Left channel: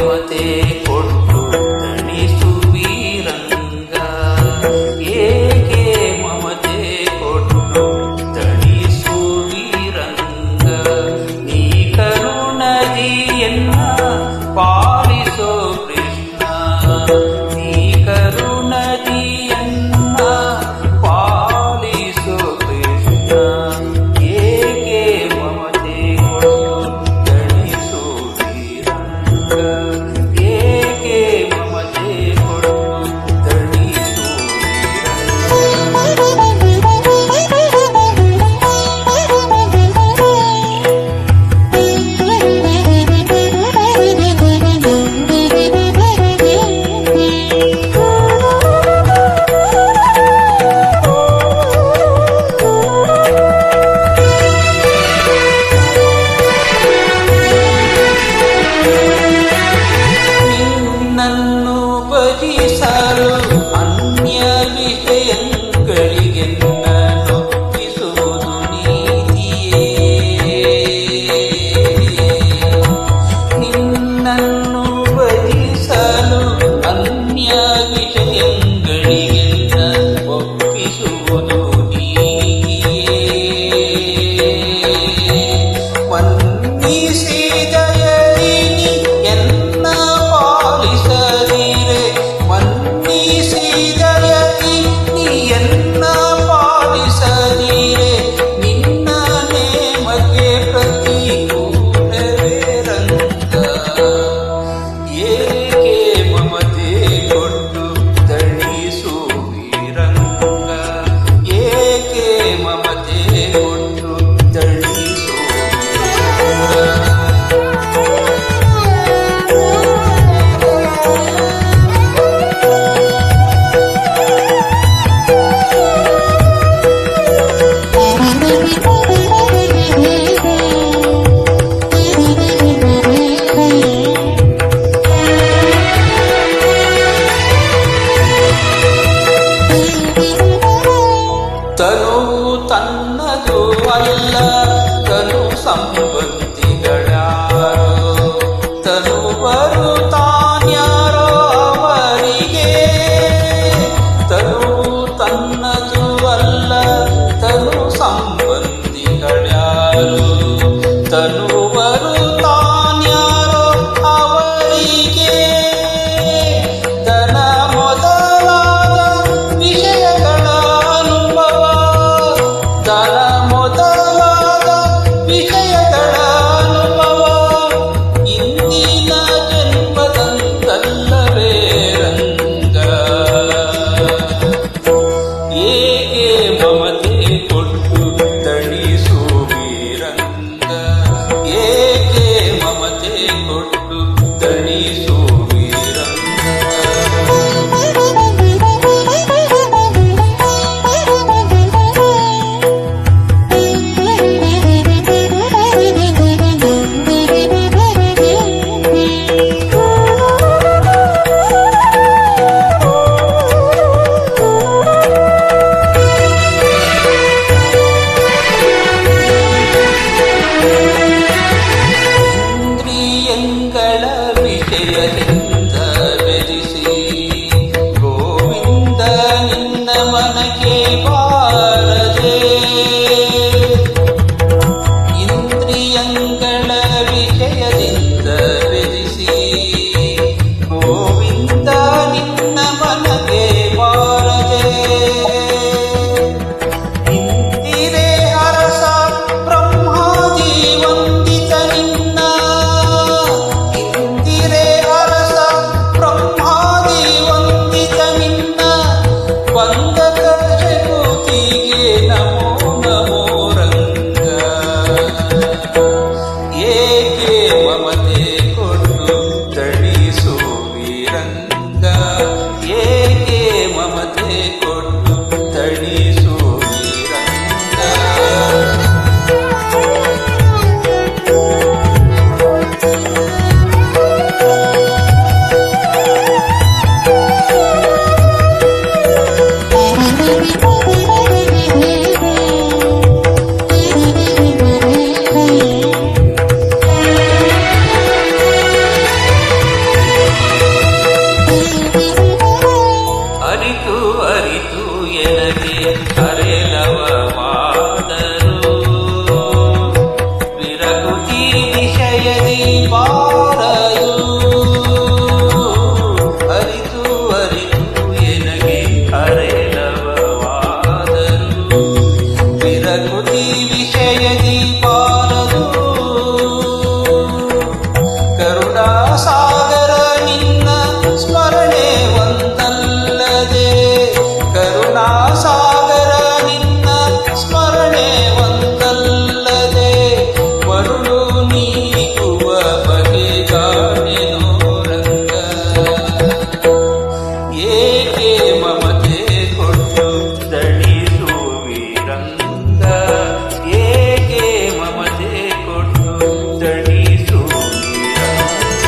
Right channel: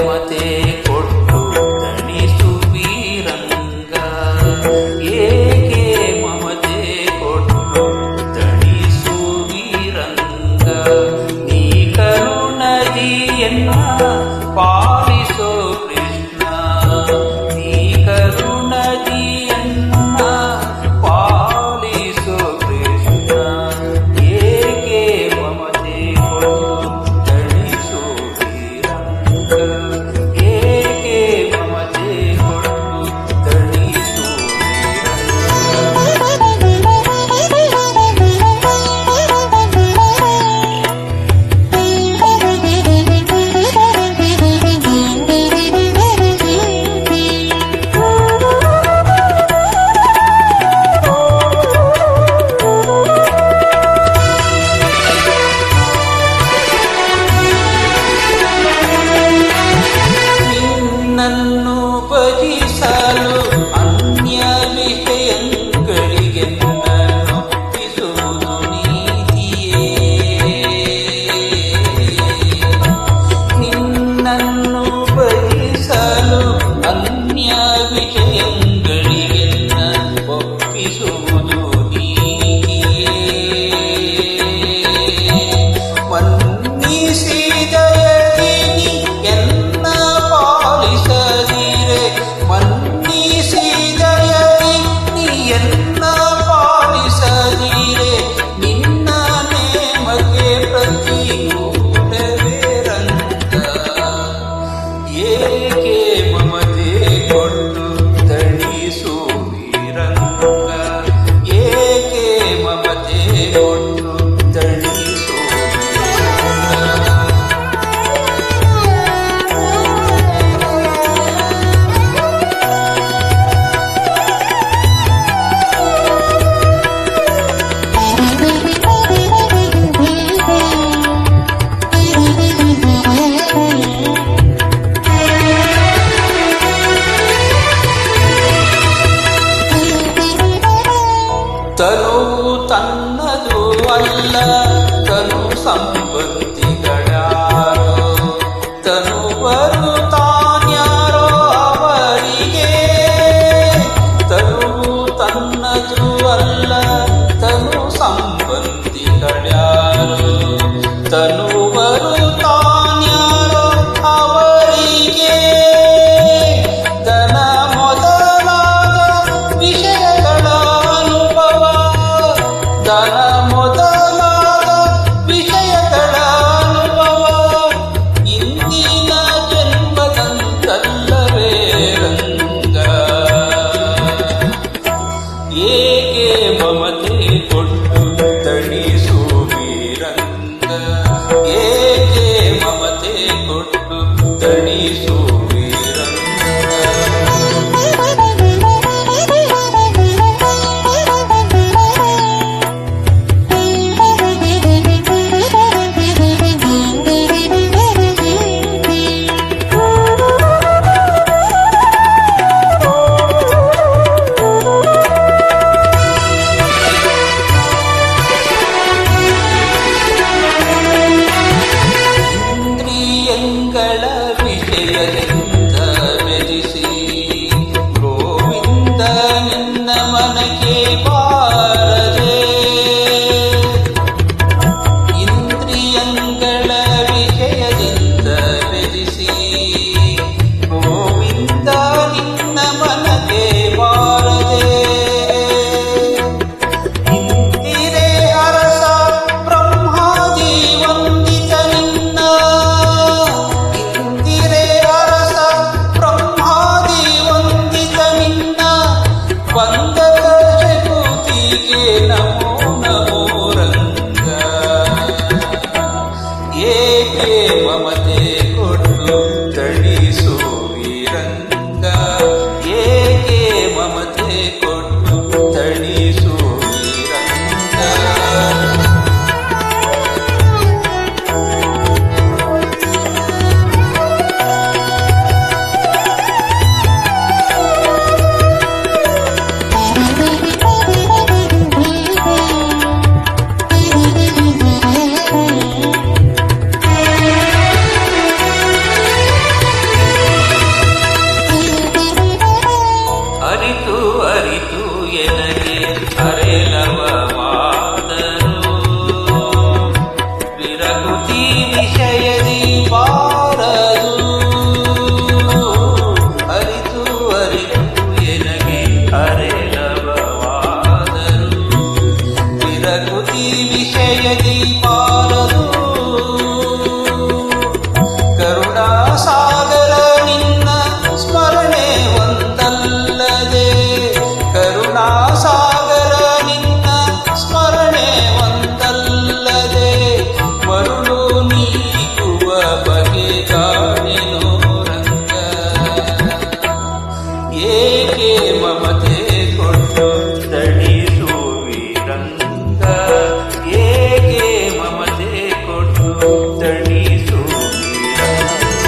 ಮಮತೆ ಕೊಟ್ಟು ತಣಿಸು ವೀರಂಗ, ಏಕೆ ಮಮತೆ ಕೊಟ್ಟು ತಣಿಸು ವೀರಂಗ. ನೀ ಕರುಣದಿಯನ್ನ ಪಾಲಿಸೋ ಕೃಷ್ಣ, ನೀ ಕರುಣದಿಯನ್ನ ಪಾಲಿಸೋ ಕೃಷ್ಣ. ಏಕೆ ಮಮತೆ ಕೊಟ್ಟು ತಣಿಸೋ ವೀರಂಗ, ಏಕೆ ಮಮತೆ ಕೊಟ್ಟು ತಣಿಸೋ ನನ್ನು ಭಜಿಸಲು ಅನ್ಯ ವಿಷಯಗಳಿಗೆನ್ನೊಪ್ಪಿಸುವುದು ನೀತಿಯೇ. ನಿನ್ನನ್ನು ಭಜಿಸಲು ಅನ್ಯ ವಿಷಯಗಳಿಗೆನ್ನ ಒಪ್ಪಿಸುವುದು ನೀತಿಯೇ. ಮನ್ನಿಸಿದಯದಿನಿ ಎನ್ನ ಪಾಲಿಸದಿರೆ, ಮನ್ನಿಸಿದಯದಿ ನೀ ಎನ್ನ ಪಾಲಿಸದಿರೆ, ನಿನ್ನ ನೇಮಕ್ಕೆ ಪ್ರತಿಕೂಲವೇ ರಂಗ. ಏಕೆ ಮಮತೆ ಕೊಟ್ಟು ತಣಿಸು ವೀರಂಗ, ಏಕೆ ಮಮತೆ ಕೊಟ್ಟು ತಣಿಸು ವೀರಂಗ. ತನುವು ತನ್ನದು ಅಲ್ಲ, ತನು ಸಂಬಂಧಿಗಳ್ಯಾರೋ, ತನುವರು ತಾನ್ಯಾರೋ ಅವರಿಗೆ. ತನುವು ತನ್ನದು ಅಲ್ಲ, ತನು ಸಂಬಂಧಿಗಳ್ಯಾರೋ, ತನುವರು ತಾನ್ಯಾರೋ ಅವರಿಗೆ. ದನ ಮೊದಲಾದ ವಿಷಯಗಳ ಅನುಭವ, ದನ ಮೊದಲಾದ ವಿಷಯಗಳ ಅನುಭವ ಇಂದಿನ ಜನ್ಮದಂತಲ್ಲವೇ ರಂಗ. ಏಕೆ ಮಮತೆ ಕೊಟ್ಟು ತಣಿಸು ವೀರಂಗ, ಏಕೆ ಮಮತೆ ಕೊಟ್ಟು ತಣಿಸು ವೀರಂಗ. ಇಂದ್ರಿಯಂಗಳ ವಿಷಯದಿಂದ ಬೆದಿಸಿ ಗೋವಿಂದ ನಿನ್ನ ಮನಕ್ಕೆ ಬಾರದೆ. ಇಂದ್ರಿಯಂಗಳ ವಿಷಯದಿಂದ ಬೆದಿಸಿ ಗೋವಿಂದ ನಿನ್ನ ಮನಕ್ಕೆ ಬಾರದೆ. ಇಂದಿರೆ ಅರಸ ಬ್ರಹ್ಮಾದಿ ವಂದಿತ ನಿನ್ನ, ಇಂದಿರೆ ಅರಸ ಬ್ರಹ್ಮಾದಿ ವಂದಿತ ನಿನ್ನ, ವಂದಕ ಶಕುತಿಗೆ ನಮೋ ನಮೋ ರಂಗ. ಏಕೆ ಮಮತೆ ಕೊಟ್ಟು ತಣಿಸು ವೀರಂಗ, ವಿಷಯದಿ ಬಾರದು ಅರಿತು ಅರಿತು ಎನಗೆ ಅರೆಲವವಾದರು ವಿರಕೃತಿ ವಿಷಯದಿ ಬಾರದು ಕರುಣಾಸಾಗರ ನಿನ್ನ ಸ್ಮರಣೆ ಒಂದಲ್ಲದೆ ಕರುಣಾಸಾಗರ ನಿನ್ನ ಸ್ಮರಣೆ ಒಂದಲ್ಲದೆ ಮರುಳು ನೀಗುವ ಬಗೆಗಾಣೆನೋ ರಂಗ ಏಕೆ ಮಮತೆ ಕೊಟ್ಟು ದಣಿಸುವಿ ರಂಗ ಏಕೆ ಮಮತೆ ಕೊಟ್ಟು ದಣಿಸುವಿ ರಂಗ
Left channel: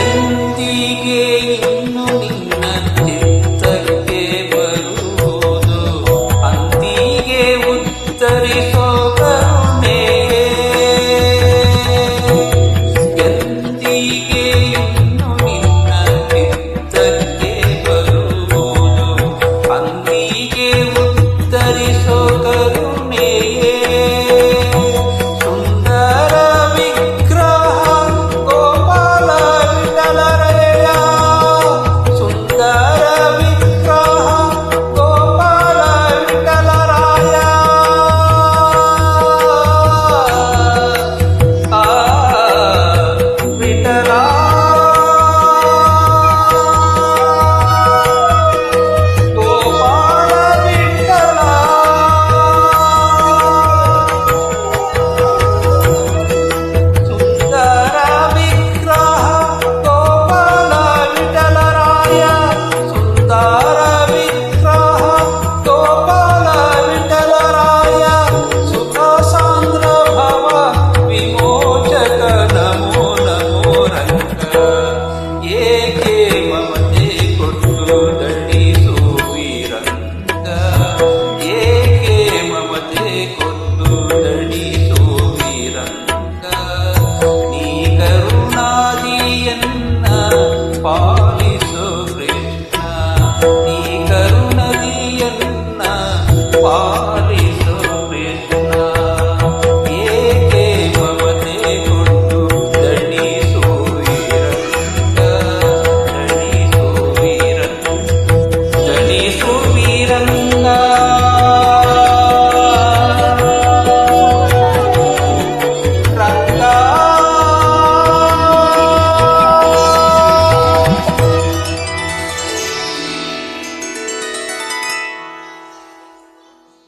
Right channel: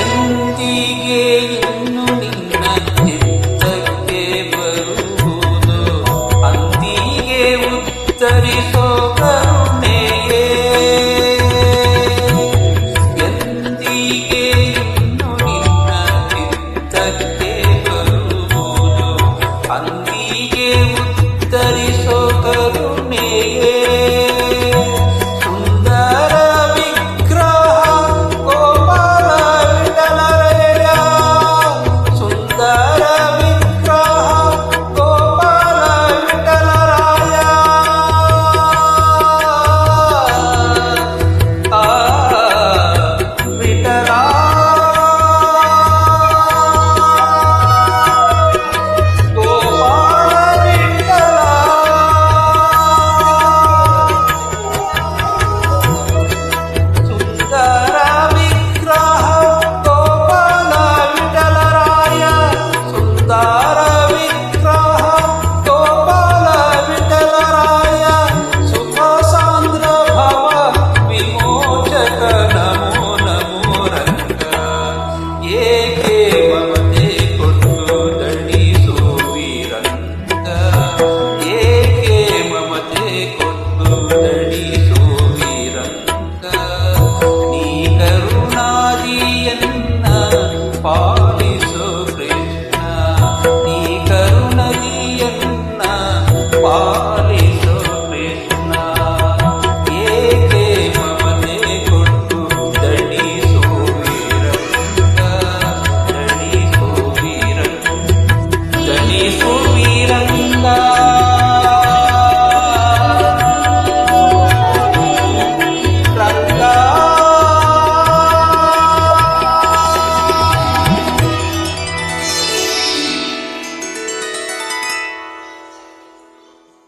ಎಂದಿಗೆ ಇನ್ನು ನಿನ್ನ ಚಿತ್ತಕ್ಕೆ ಬರುವುದು ಅಂದಿಗೆ ಉತ್ತರಿಸೋ ಕರುಣೆಯೇ ಎಂದಿಗೆ ಇನ್ನು ನಿನ್ನ ಚಿತ್ತಕ್ಕೆ ಬರುವುದು ಅಂದಿಗೆ ಉತ್ತರಿಸೋ ಕರುಣೆಯೇ ಸುಂದರ ವಿಗ್ರಹ ಗೋಪಾಲ ವಿಠಲರಯ ಸುಂದರ ವಿಗ್ರಹ ಗೋಪಾಲ ವಿಠಲರಾಯ ವಿಠಲ ಗೋಪಾಲ ವಿಠಲ ಸುಂದರ ವಿಗ್ರಹ ಗೋಪಾಲ ವಿಠಲರಾಯ ಸುಂದರ ವಿಗ್ರಹ ಗೋಪಾಲ ವಿಠಲರಾಯ ಸುಖ ಸಾಂದ್ರ ಭವ ವಿಮೋಚಕ ನಮೋ ನಮೋ ರಂಗ ಏಕೆ ಮಮತೆ ಕೊಟ್ಟು ದಣಿಸುವಿ ರಂಗ ಏಕೆ ಮಮತೆ ಕೊಟ್ಟು ದಣಿಸುವಿ ರಂಗ ನೀ ಕರುಣಾದಿಯನ್ನ ಪಾಲಿಸು ಕೃಷ್ಣ ನೀ ಕರುಣದಿಯನ್ನ ಪಾಲಿಸು